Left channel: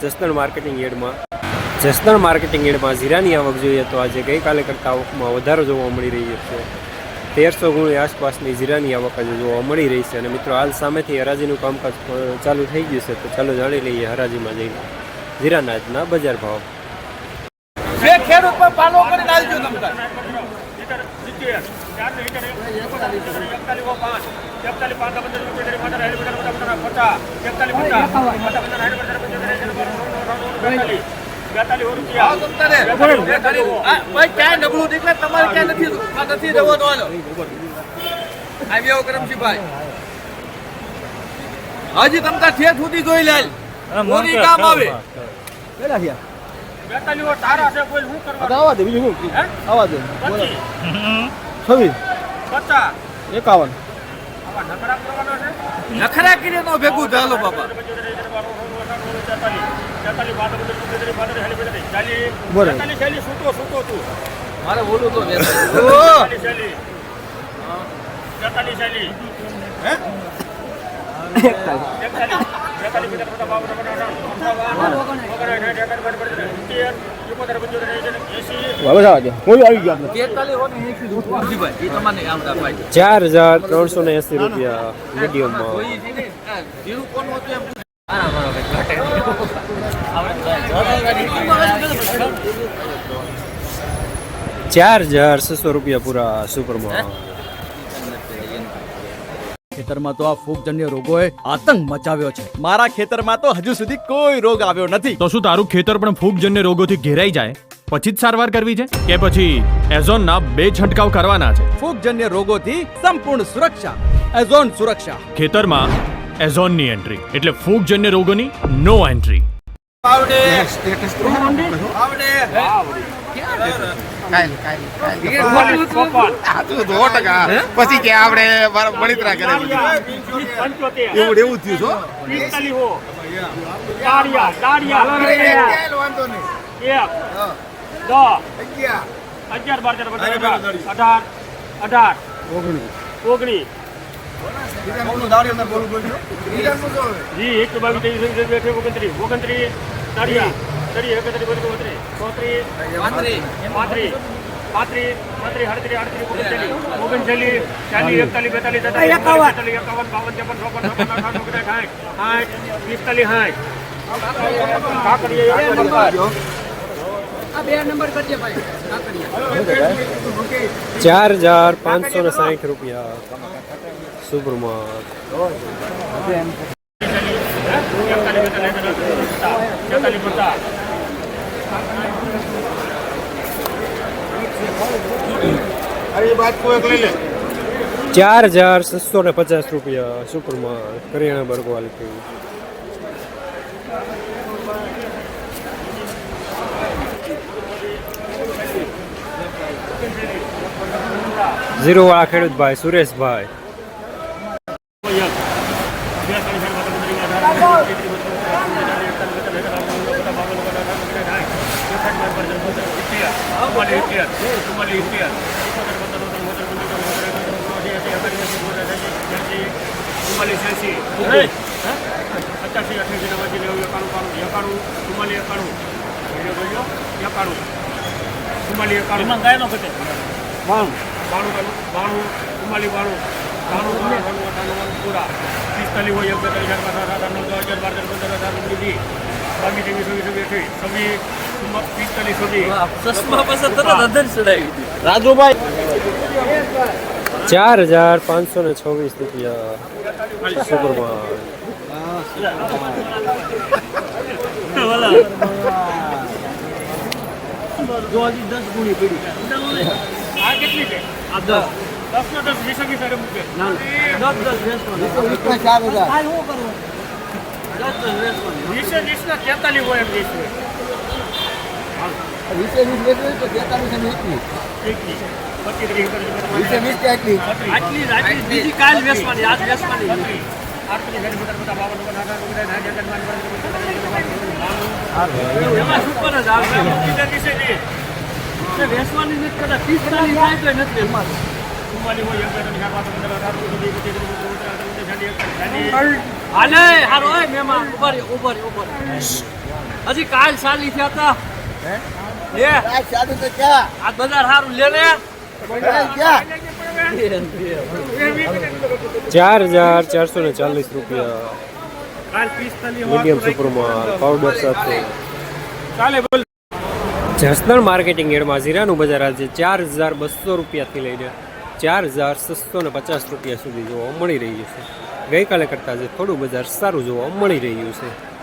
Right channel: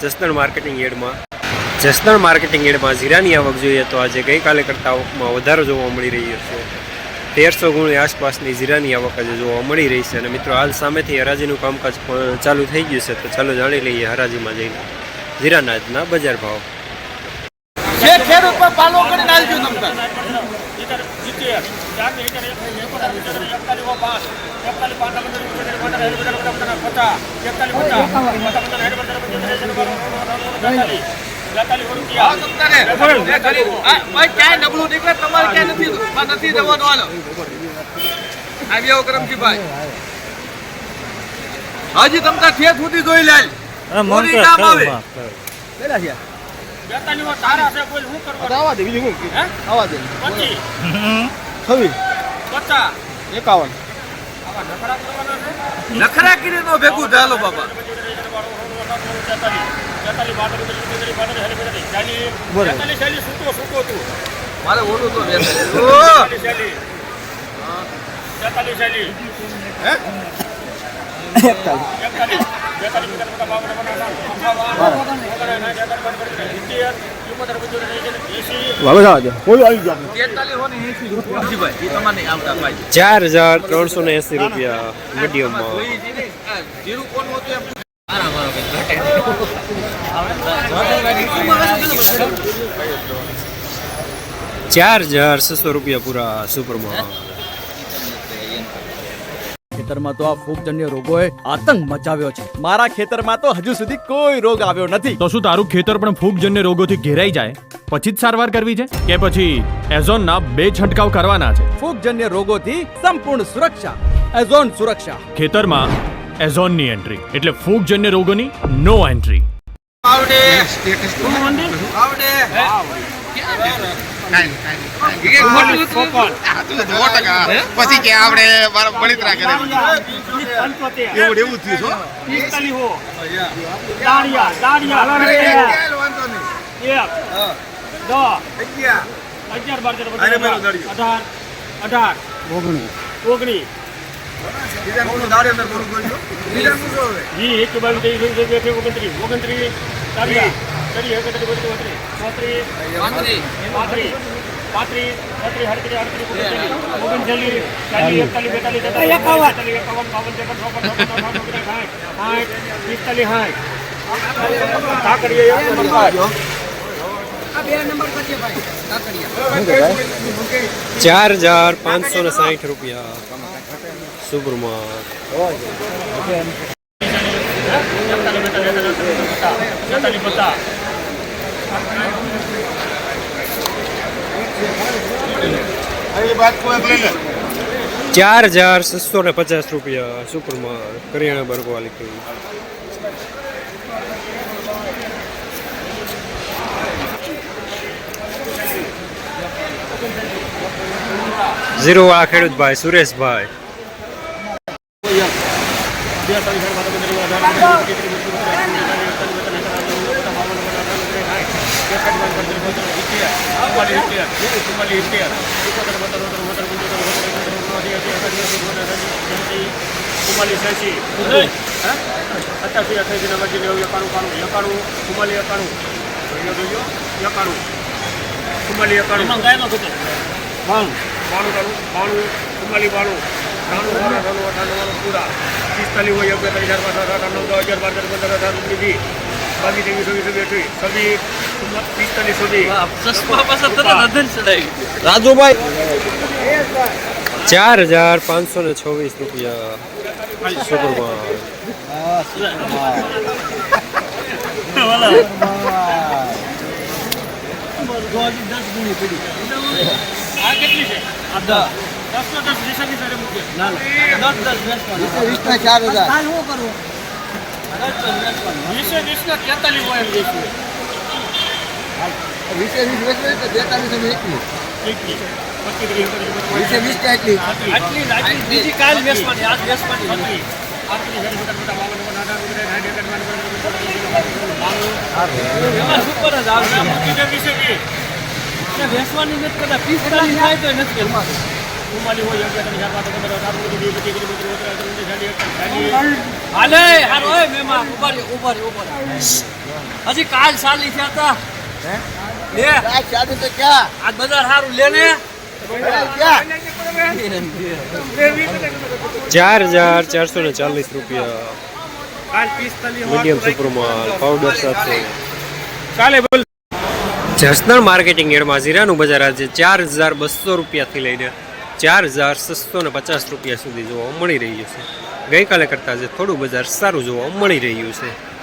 Jasdan marketing યાર્ડમાં. Jasdan marketing યાર્ડમાં જીરાની આવક જોઈએ તો આજે ગઈકાલે કરતાં આવકમાં વધારો જોવા મળી રહ્યો છે. તેરસો ગુણની આસપાસની જીરાની આવક આજે જોવા મળી રહી છે અને મિત્રો હાલ સામેથી હરાજીનું કામકાજ ચાલુ થઈ ગયું છે તો ચાલો જાણી લઈએ હરાજીમાં જઈને. જીરાના બજાર ભાવ. ક્યાંય નીકળે? તમારે નથી નથી કરમજીભાઈ. હજી તમતા છે સુધી જોઈ લે. મોરી કામ આવે. તારા છે કોઈ શું કરવાનું? હે? એકાવન આવા નખરા કરવાના છે નખરા કરીને તો ભેગું થયેલો બાબા મારે બોલું તો બે તેતાલીસ ચાર હજાર ત્રણસો ને એંસી રૂપિયા મીડિયમમાં. ચાર હજાર છસો રૂપિયા પૂરા સુપરમાં ખેતરમાં તો આ ફૂગજન્ય રોગોએ આતંક મચાવ્યો છે. મારા ખેતરમાં તો હજુ સુધી કોઈ રોગ આવ્યો નથી. તો શું તારું ખેતર પણ ફૂગજન્ય રોગોથી ઘેરાઈ જાય? પછી જ સારવાર કરવી છે? કે પછી એઝોનના બે છંટકાવ કરવાના છે? ફૂગજન્ય રોગોથી સંપૂર્ણ સુરક્ષા. એઝોન સુરક્ષા. ખેતરમાં એઝોનની એન્ટ્રી. એટલે ફૂગજન્ય રોગોની નો એન્ટ્રી. આવડે. આવડે. પછી કે આપણે બળિતરા કરે એવું એવું થયું અગિયાર. બાર તેર અઢાર અઢાર. ઓગણીસ. પચીસ ઓગણત્રીસ ઓગણત્રીસ ચાલીસ ચાલીસ એકત્રીસ બત્રીસ બત્રીસ ચોત્રીસ પાંત્રીસ પાંત્રીસ છત્રીસ અડત્રીસ અડત્રીસ ઓગણચાલીસ ઓગણચાલીસ ચાલીસ એકતાલીસ બેતાલીસ તેતાલીસ બેતાલીસ એકાવન બાવન ત્રેપન ચોપન છપ્પન અઠાવન ઓગણસાઠ સાઠ સાઠ પિસ્તાલીસ સાઠ કાકડીઓ ચાર હજાર પાંચસો ને સાઠ રૂપિયા સુપરમાં એકતાલીસ બેતાલીસ તેતાલીસ પચાસ તેતાલીસ પચાસ ચાર હજાર છસો ને પચાસ રૂપિયા સુપરમાં કરિયાણા બર્ગ વાલી કેવી ઝીરો વાળા ખેડૂતભાઈ, સુરેશભાઈ. અત્યારથી અઠ્યાસી નંબર નેવું એકાણું કાણું એકાણું ચુમ્માલી એકાણું જોયો એકાણું ચુમ્માલી એકાણું ગાયનો ઘટે બાણું બાણું બાણું બાણું ચુમ્માલી બાણું બાણું બાણું બાણું બાણું પૂરા પિસ્તાલીસ હોય અગિયાર હજાર દસ અગિયાર બાર તેર પંદર અઢાર ઓગણીસ વીસ બાવીસ સુધી ચોવીસ એકવીસ પિસ્તાલીસ સુધી. ચાર હજાર પાંચસો ને છવ્વીસ રૂપિયા સુપરમાં આ કેટલી છે? આ દસ. દસ ને દસ વીસના ચાર હજાર. વીસે હોય એમ જઈશું વીસે વીસ વેચવી તો તેતાલીસ અમે એકવીસ વીસે વીસ કે એટલી બીજી કાલ વેચવાની વેચવાની જ વીસ વેચવાની નથી કદાચ પિસ્તાલીસ થાય તો નથી ચુમ્માલી હોય એક બે ત્રણ ચાર પાંચ પંદર અઢાર હાલે. ઓય ઉપર ઉપર ઉપર હજી કાલ સાલી થયા હતા. લે. આ ચાલુ તો ક્યાં? આ બજાર સારું લે ને. ચાર હજાર ચારસો ને ચાલીસ રૂપિયા. કાલ મીડિયમ સુપરમાલ પાવડર સાથે. ચાલે બોલ. જસદણ માર્કેટિંગ એડમાં જીરાનું બજાર આજે ચાર હજાર બસો રૂપિયાથી લઈને ચાર હજાર છસો ને પચાસ રૂપિયા સુધી જોવા મળી રહ્યું છે. ગઈકાલે કરતાં જે થોડું બજાર સારું જોવા મળી રહ્યું છે.